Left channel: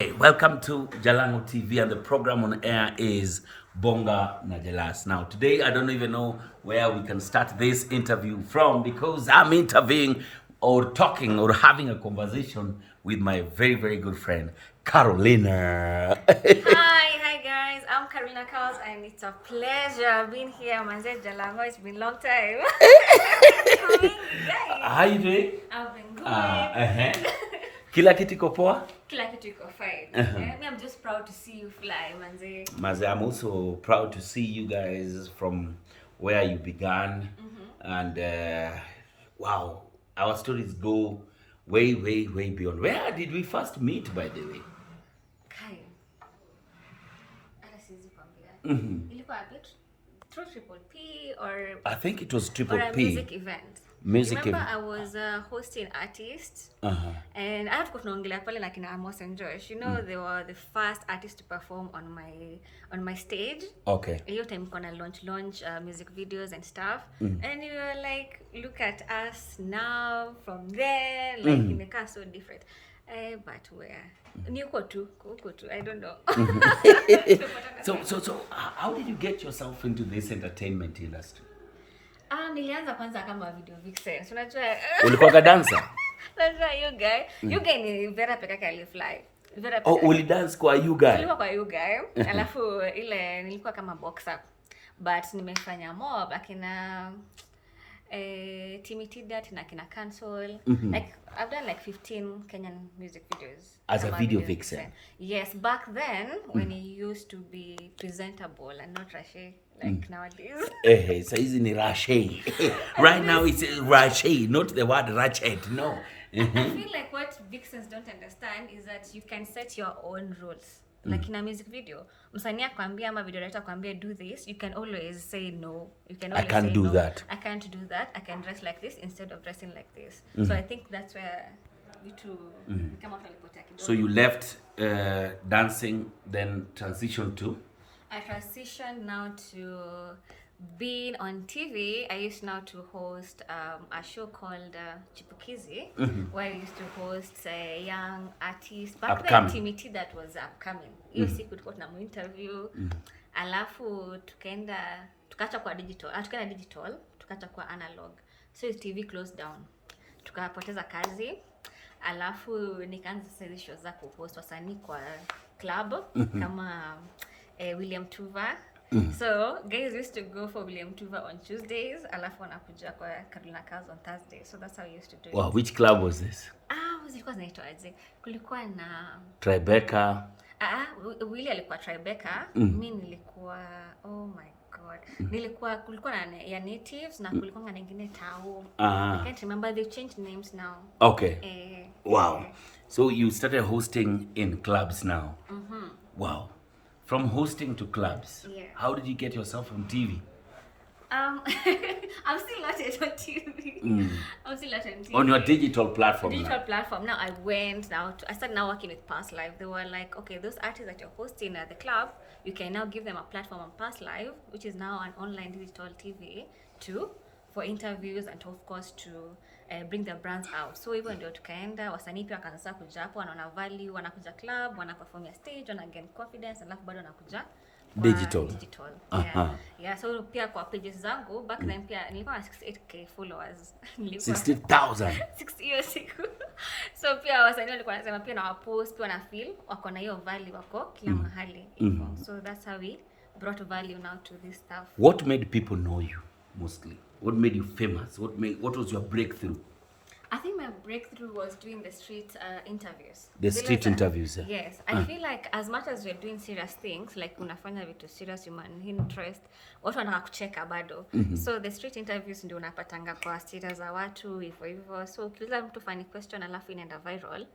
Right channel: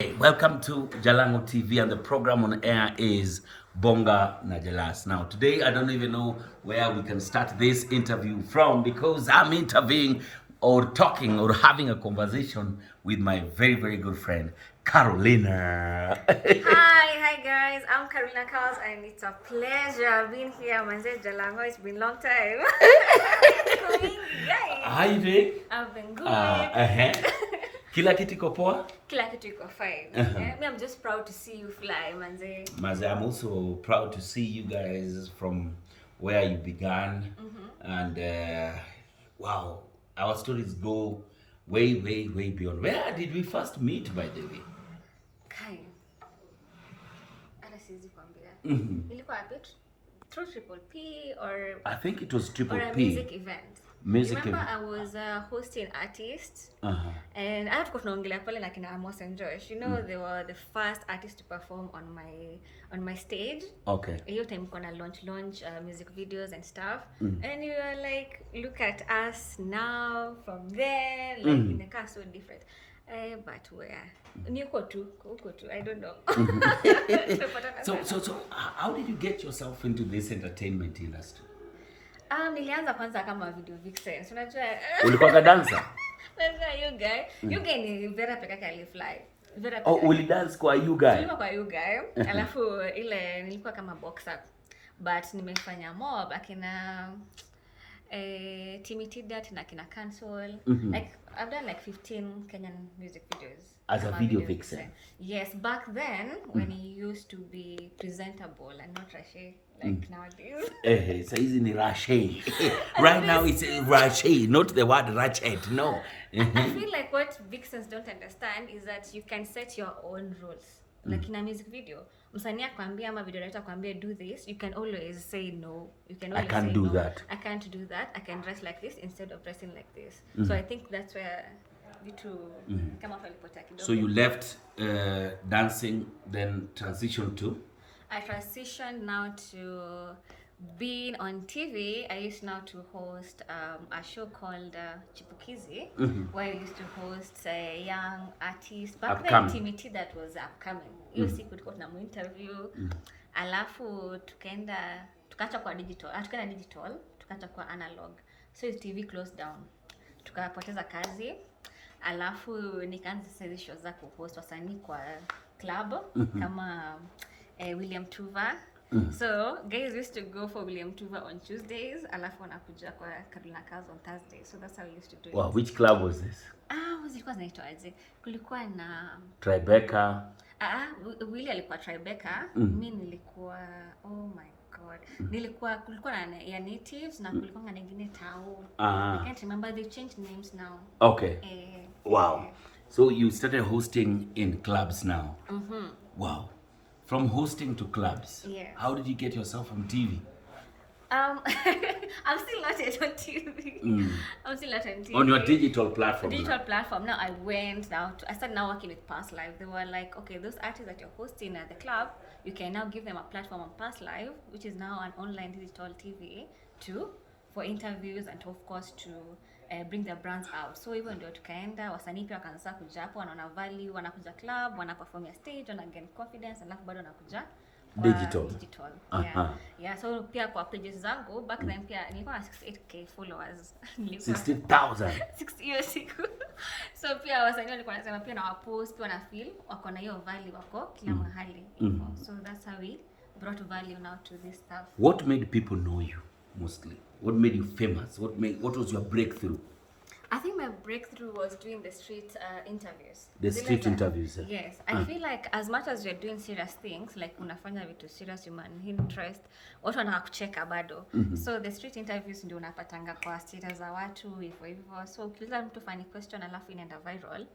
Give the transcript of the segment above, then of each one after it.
Hey, welcome to Jalango TV, and the program on air is Bonga na Jalas. Now, today I don't even know where we can start this interview from because I'm interviewing or talking or having a conversation with my very, very good friend, Carolina. Hi guys, I'm Carolina Carls and it's a pleasure being here. Manze Jalango, it's been a long time. How you doing? I've been good. Kila kitu iko poa? Kila kitu iko fine. Yeah? I'm just proud to see you fly, Manze. Maze, I'm also proud to see you guys from where you began. And wow, our stories go way, way, way beyond. Where did we first meet, by the way? Kai. Hata siwezi kwambia. Ilikuwa wapi? Through Triple P or I think it was Triple or a P. music event. Remember I was a hosting artist and I had to tunaongelea pale na kina Amos and Josh. You know, they were the first artists to perform on my stage. Okay. Hiyo time kona launch music videos and stuff. And you were like, look at us now from there, like imekaa so different. But where? Niko tu, I don't know. So how did you get yourself into this entertainment industry? Nilianza kwanza kama video vixen. Unajua ulikuwa dancer? Unajua you guy ni Vera peke yake alifly. Vera peke yake. Oh, ulidance kwa you guy? Nilikuwa kwa you guy. Alafu ile nilikuwa kama boxer. But nimefanya mob akina Timitidat na kina Cancel. Like I've done like 15 Kenyan music videos. As a video vixen. Yes, back then when it used to be presentable and not rashe like nowadays. So easy ni rashe. Right now it's rashe, not the word ratchet. No. I feel like what vixens don't understand is that you can set your own rules. Like in a music video, msanii akwambia ama video director akwambia do this, you can always say no. You can always say no. I can't do that. I can dress like this instead of dressing like this. So I think that's where you two come out alipotea. So you left dancing, then transitioned to? I transitioned now to being on TV. I used now to host a show called Chipukizi, where I used to host a young artist. Back then, TMT that was upcoming. Hiyo siku tulikuwa tuna interview. Alafu tukacha kwa digital. Tukaenda digital, tukacha kwa analog. So TV closed down. Tukapoteza kazi. Alafu nikaanza sasa hizo show za kuhost wasanii kwa club kama William Tuva. So guys used to go for William Tuva on Tuesdays, alafu wanakuja kwa Carolina Carls on Thursdays. So that's how we used to do it. Wow, which club was this? Zilikuwa zinaitwa aje? Kulikuwa na Tribeca. Willy alikuwa Tribeca. Mimi nilikuwa oh my god. Kulikuwa na ya natives na kulikuwa na nyingine tao. I can't remember, they changed names now. Okay. Wow. So you started hosting in clubs now. Wow. From hosting to clubs. Yeah. How did you get yourself on TV? I'm still not yet on TV. I'm still not on TV. On your digital platform. Digital platform. Now I started now working with Past Live. They were like, okay, those artists that you're hosting at the club, you can now give them a platform on Past Live, which is now an online digital TV for interviews and of course to bring their brands out. So even ndio tukaenda, wasanii pia wakaanza kuja hapo, wanaona value, wanakuja club, wanaperformia stage, wana gain confidence, alafu bado wanakuja digital. Yeah, so pia kwa pages zangu back then pia nilikuwa na 68k followers. 60,000. 60 years ago. So pia wasanii walikuwa wanasema pia na wapost pia na feel wako na hiyo value, wako kila mahali. So that's how we brought value now to this stuff. What made people know you mostly? What made you famous? What was your breakthrough? I think my breakthrough was doing the street interviews. The street interviews. Yes. I feel like as much as we're doing serious things, like unafanya vitu serious, human interest, watu wanataka kucheka bado. So the street interviews ndio unapatanga kwa status za watu hivyo. So ukiuliza mtu funny question alafu inaenda viral,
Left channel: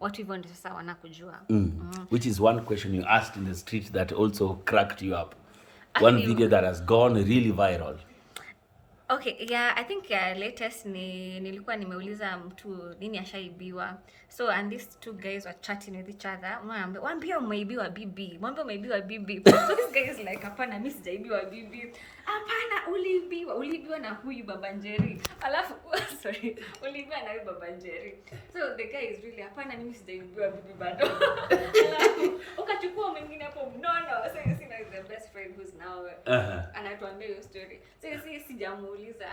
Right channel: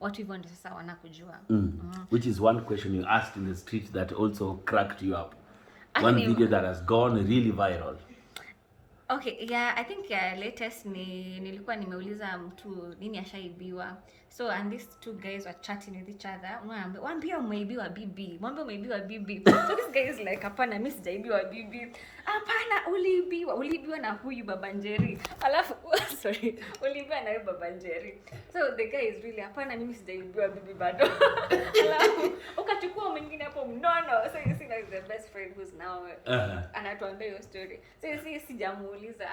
watu hivyo ndio sasa wanakujua. Which is one question you asked in the street that also cracked you up. One video that has gone really viral. Okay, yeah, I think latest nilikuwa nimeuliza mtu nini ashaibiwa. So and these two guys were chatting with each other. Mwambie umeibiwa bibi. Mwambie umeibiwa bibi. So this guy is like, hapana mimi sijaibiwa bibi. Hapana uliibiwa na huyu baba Njeri. Alafu sorry, uliibiwa na huyu baba Njeri. So the guy is really, hapana mimi sijaibiwa bibi bado. Alafu ukachukua mwingine hapo mnono. So you see now is the best friend who's now anatuambia hiyo story. So you see sijamuuliza.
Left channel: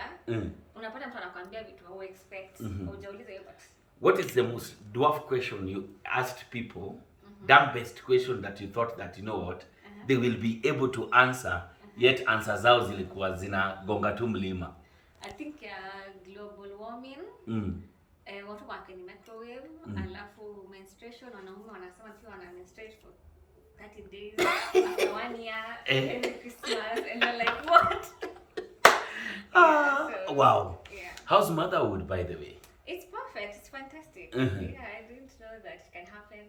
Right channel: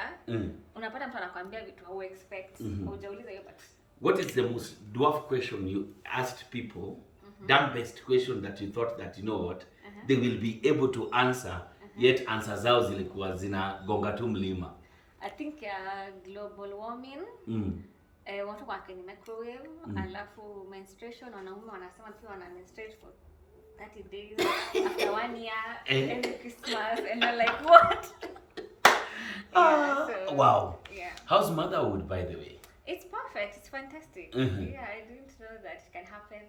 Unapata mtu anakuambia vitu hau expect. Hujauliza hiyo but what is the most dwarf question you asked people? Dumbest question that you thought that, you know what, they will be able to answer, yet answer zao zilikuwa zinagonga tu mlima? I think global warming. Watu kwa kwenye microwave, alafu menstruation, wanaume wanasema pia wana menstruate for 30 days after 1 year, and Christmas, and they're like, what? So, wow. Yeah. How's motherhood, by the way? It's perfect. It's fantastic. Yeah, I didn't know that it can happen.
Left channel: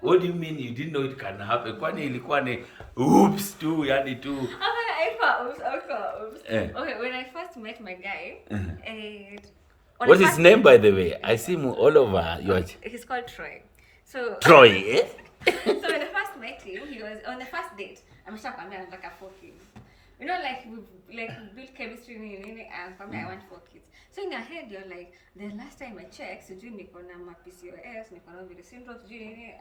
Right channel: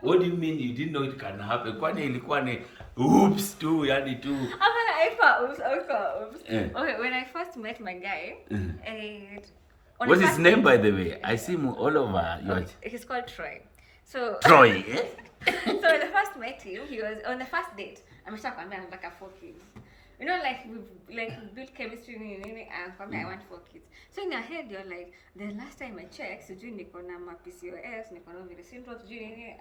What do you mean you didn't know it can happen? Kwani ilikuwa ni oops tu, yani tu. Oops. Okay, when I first met my guy, what's his name, by the way? I see him all over. He's called Troy. So Troy, eh? So when I first met him, he was on the first date. Ameshakwambia anataka 4 kids. You know, like we built chemistry and for me I want 4 kids. So in your head you're like, the last time I checked, sijui niko na PCOS, niko na ovary syndrome, sijui nini,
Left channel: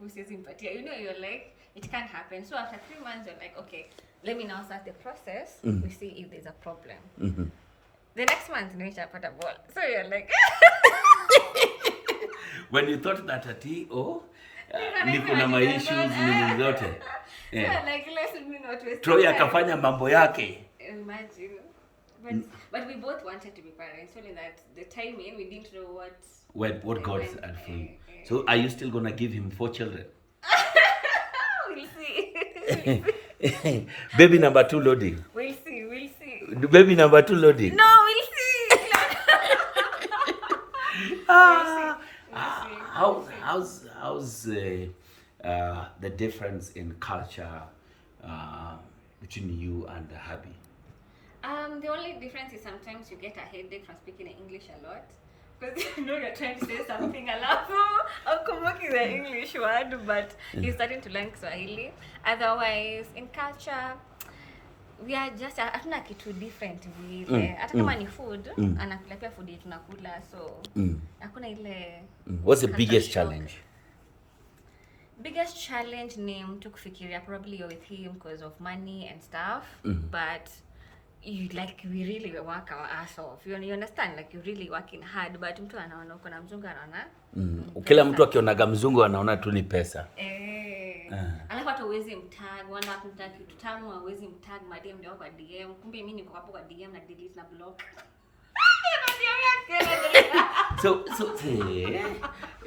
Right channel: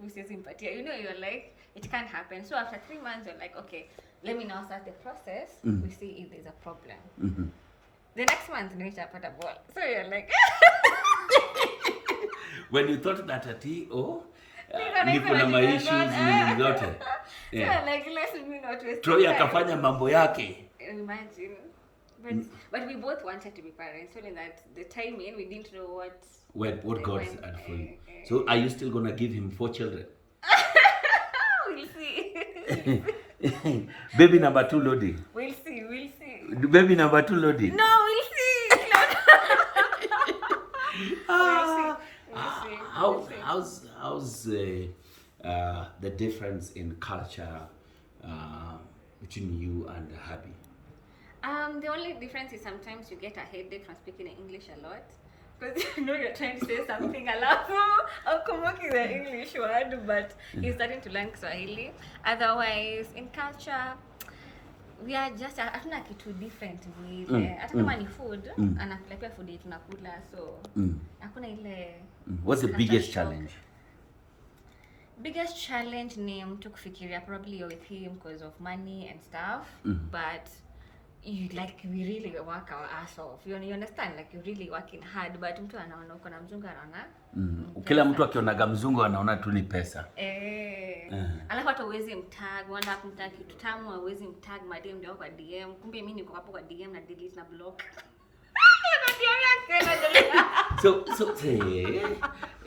usiwezi mpatia. You know, you're like, it can't happen. So after 3 months you're like, okay, let me now start the process. We see if there's a problem. The next month nimeshapata ball. So you're like when you thought that niko na my issues nini zote. Yeah, like let's not waste. Troy akafanya mambo yake. Imagine. But we both wanted to be parents. Only that the timing we didn't know what God had for you. So are you still gonna give him 4 children? We'll see. Baby number 2 loading. We'll see. Baby number 2 loading. No, we'll see. How's the difference in culture between you and the hubby? The only difference is sometimes you get a headache from speaking English a lot. Because you know you're trying to say something alafu ukumbuki the English word, but you're starting to learn Swahili. Otherwise, in culture, we are just hatuna kitu different vile. Hata kama ni food, anakula pia food yetu tunakula, so hakuna ile. What's the biggest challenge? Biggest challenge ni mtu kufikiria probably you're with him because of money and stuff, but we really work our ass off. You understand? Like you're really working hard, but mtu anaona uko na mzungu anaona. Kila mtu akionaga mzungu anaona tu ni pesa. Alafu hata uwezi mtag, wala kumtag kitu tamu, uwezi mtag madem ndio kwa DM. Kumbe mimi niko hapo kwa DM na delete na block. So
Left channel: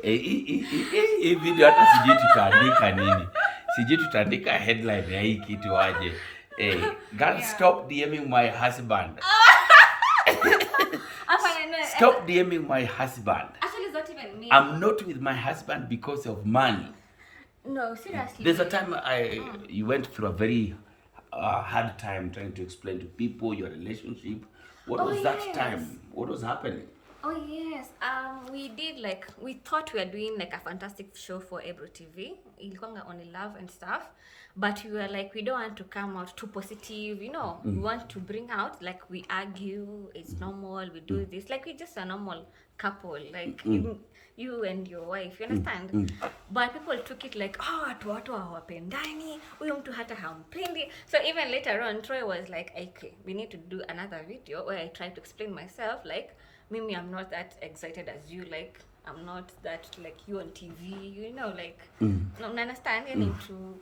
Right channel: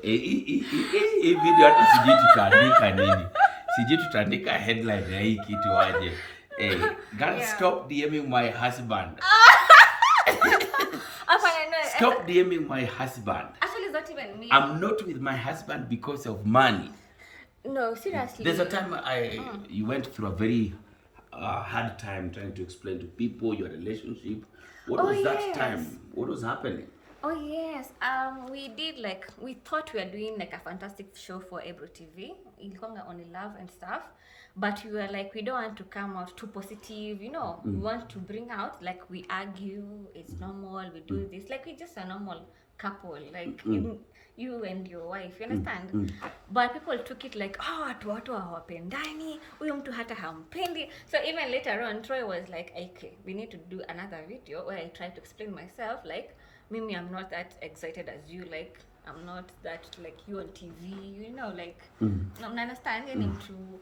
hii video hata sijui tutaandika nini. Sijui tutaandika headline ya hii kitu aje. God, stop DMing my husband. Stop DMing my husband. Actually, it's not even me. I'm not with my husband because of money. No, seriously. There's a time you went through a very hard time trying to explain to people your relationship. What was that time? What was happening? Oh yes, we thought we were doing like a fantastic show for Ebro TV. Ilikuwa on love and stuff, but we were like, we don't want to come out too positive, you know. We want to bring out like we argue, it's normal, we do this, like we're just a normal couple, like you and your wife, you understand? But people took it like, watu hawapendani, huyo mtu hata hampendi. So even later on, Troy was like, okay, we need to do another video where I try to explain myself, like, Mimi, I'm not that excited as you, like, I'm not that, like, you on TV, you know, like, no, understand, to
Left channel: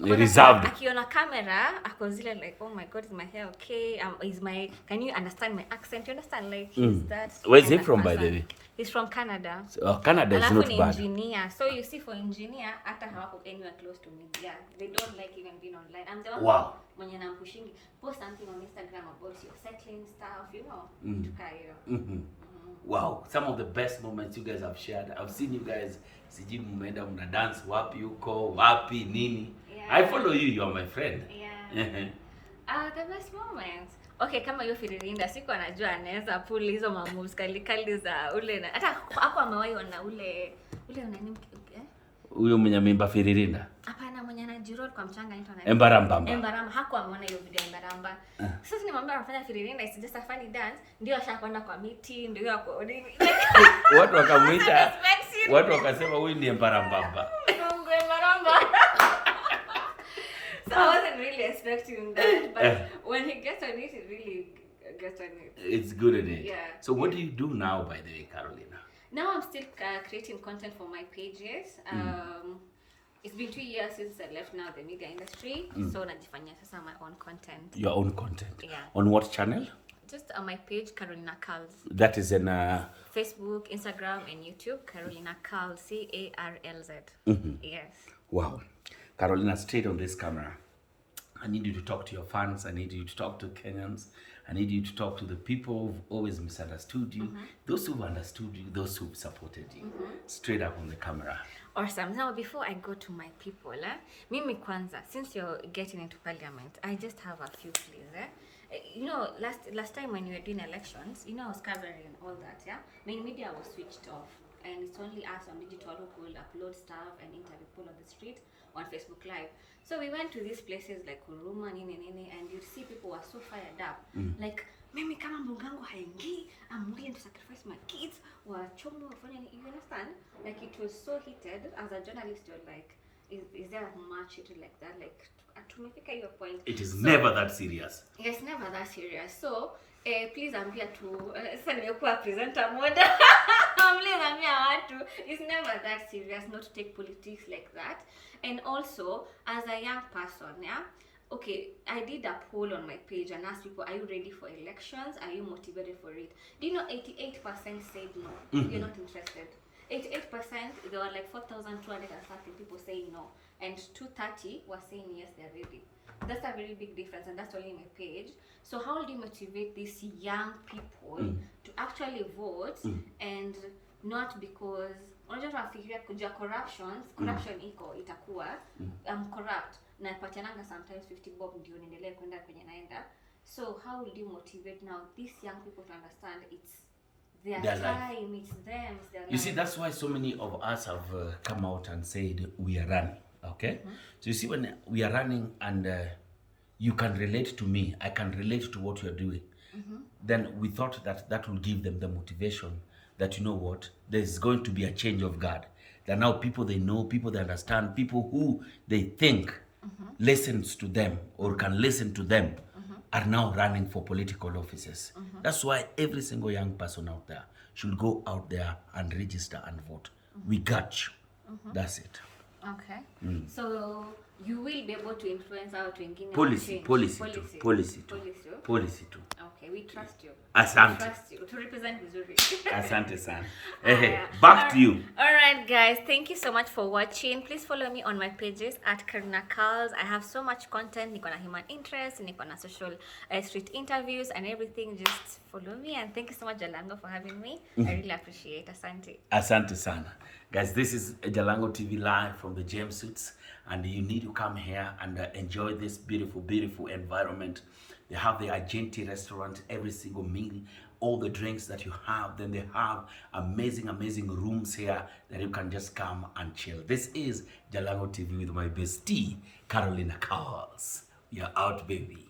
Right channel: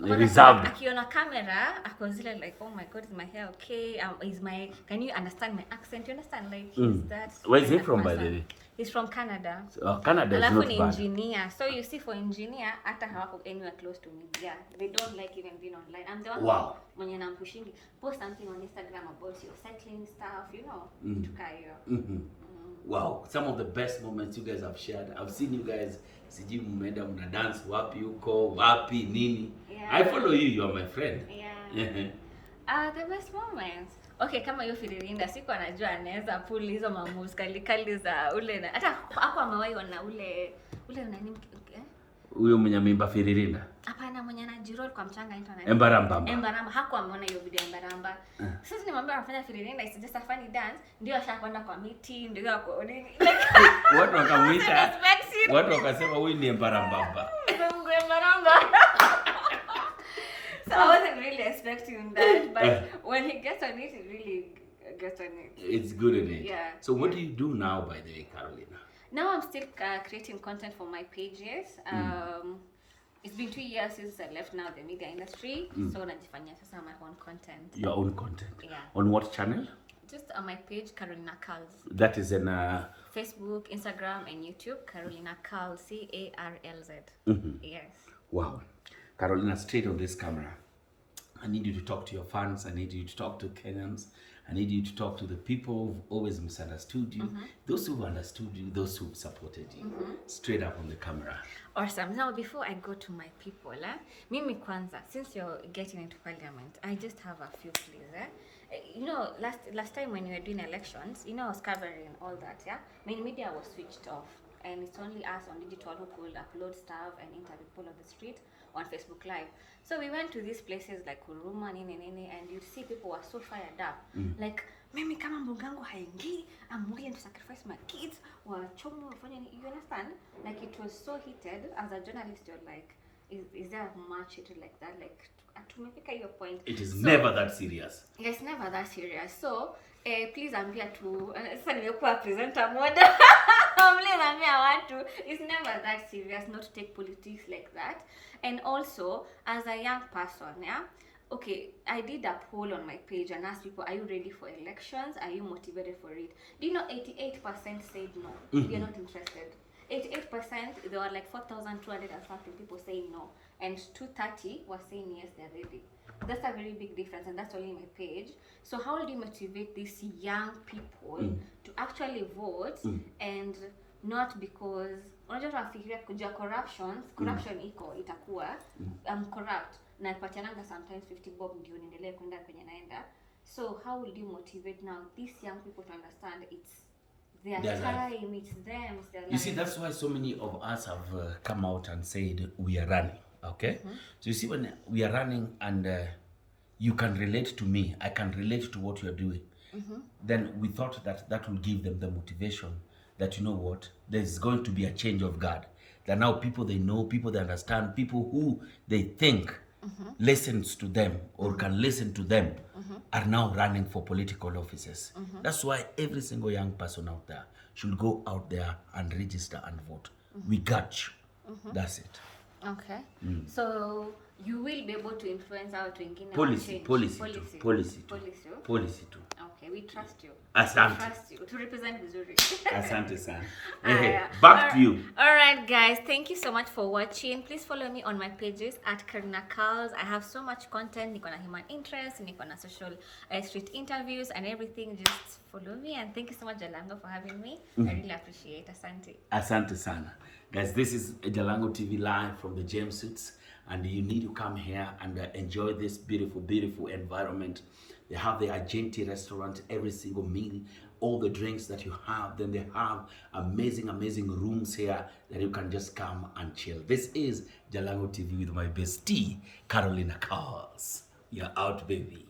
reserved. Akiona camera, ako zile like, oh my God, is my hair okay? Can you understand my accent? You understand, like, he's that. Where is he from, by the way? He's from Canada. So, Canada is not bad. Alafu ni engineer. So you see, for engineer, hata hawako anywhere close to media. They don't like even being online. I'm the one mwenye nampushing, post something on Instagram about your cycling stuff, you know, Wow, some of the best moments you guys have shared. I've seen you guys, siji mumenda muna dance wapi uko, wapi nini. I follow you, you're my friend. The best moments. Okay, kama hiyo Firirinda siku anajua anaweza pull hizo moves kali za ule na hata hapo amewahi ona ule unani Huyo mwenye mimba Firirinda? Hapana, mwenye anajiroll kwa mchanga anaitwa nani? Embaramba. Hakuwa ameona hiyo video ya Embaramba. Sasa nimwambia anafanya Firirinda, it's just a funny dance. Ndio ashapanda kwa miti, ndio yako nini. Watu wakamwita. Watu wakasema huyu ni Embaramba. Bongo Embaramba. So I wasn't really expecting that, but when he gets on it, he really gets on it. It's good in it. Yeah. So what do you do now, by the way, Carolina? Now I'm still creating content for my pages. It's been 2 years since I left now the media industry, so najifanyia sasa my own content. Your own content? Yeah. On what channel? Just on my page, Carolina Carls. That is in Facebook, Instagram, and YouTube, Carolina Carls, Carlz. Yes. Wow. Carolina, straight on this camera. I need you to talk to your fans. I need you to talk to Kenyans. I need you to talk to the people who've always misunderstood you, those who've understood you, those who've supported you. Straight up on the camera. Awesome. Now, before I go to my people, Mimi Kwanza, since you're getting into parliament, I just have a few pleas. You know, last time when you were doing elections, you know, I was covering all that, yeah? Main media was switched off, and it's only us on digital who could upload stuff and interview people on the street on Facebook Live. So we went to these places like Huruma, and you'd see people were so fired up. Like, mimi kama mbugangu haingii, I'm willing to sacrifice my kids, wachomo, you understand? Like, it was so heated. As a journalist, you're like, is there much heated like that? Like, to make your point. It is never that serious. It's never that serious. So, please, I'm here to, presenter mode. Please, I'm here, I want to. It's never that serious not to take politics like that. And also, as a young person, yeah, okay, I did a poll on my page and asked people, are you ready for elections? Are you motivated for it? Do you know 88% said no? You're not interested. 88%, there were like 4,200 and something people saying no. And 230 were saying yes, they're ready. That's a very big difference, and that's only my page. So how do you motivate these young people to actually vote and not because unajua tunafikiria kujua corruption itakuwa corrupt na patiananga sometimes 50 bob ndio niendelee kwenda kwenye naenda. So how will you motivate now these young people to understand it's their time, life. It's them, it's their life. You see, that's why so many of us have come out and said we are running, okay? So you see, when we are running and you can relate to me, I can relate to what you're doing, then we thought that will give them the motivation that, you know what, there's going to be a change of guard. That now people they know, people they understand, people who they think listens to them or can listen to them are now running for political offices. That's why every single young person out there should go out there and register and vote. We got you. That's it. Okay. So you will be able to influence our thinking. Policy too. Okay, we trust you. Asante. We trust you to represent Missouri. Asante sana. Back to you. All right, guys. Thank you so much for watching. Please follow me on my pages at Carolina Carls. I have so much content. Niko na human interest, niko na social street interviews and everything. Just follow me, and thank you so much, Jalango, for having me. I really appreciate it. Asante. Asante sana. Guys, this is Jalango TV live from the James Suits, and you need to come here and enjoy this beautiful, beautiful environment. They have the Argenti restaurant, every single meal, all the drinks that you have. Then they have amazing, amazing rooms here that you can just come and chill. This is Jalango TV with my bestie, Carolina Carls. You're out, baby.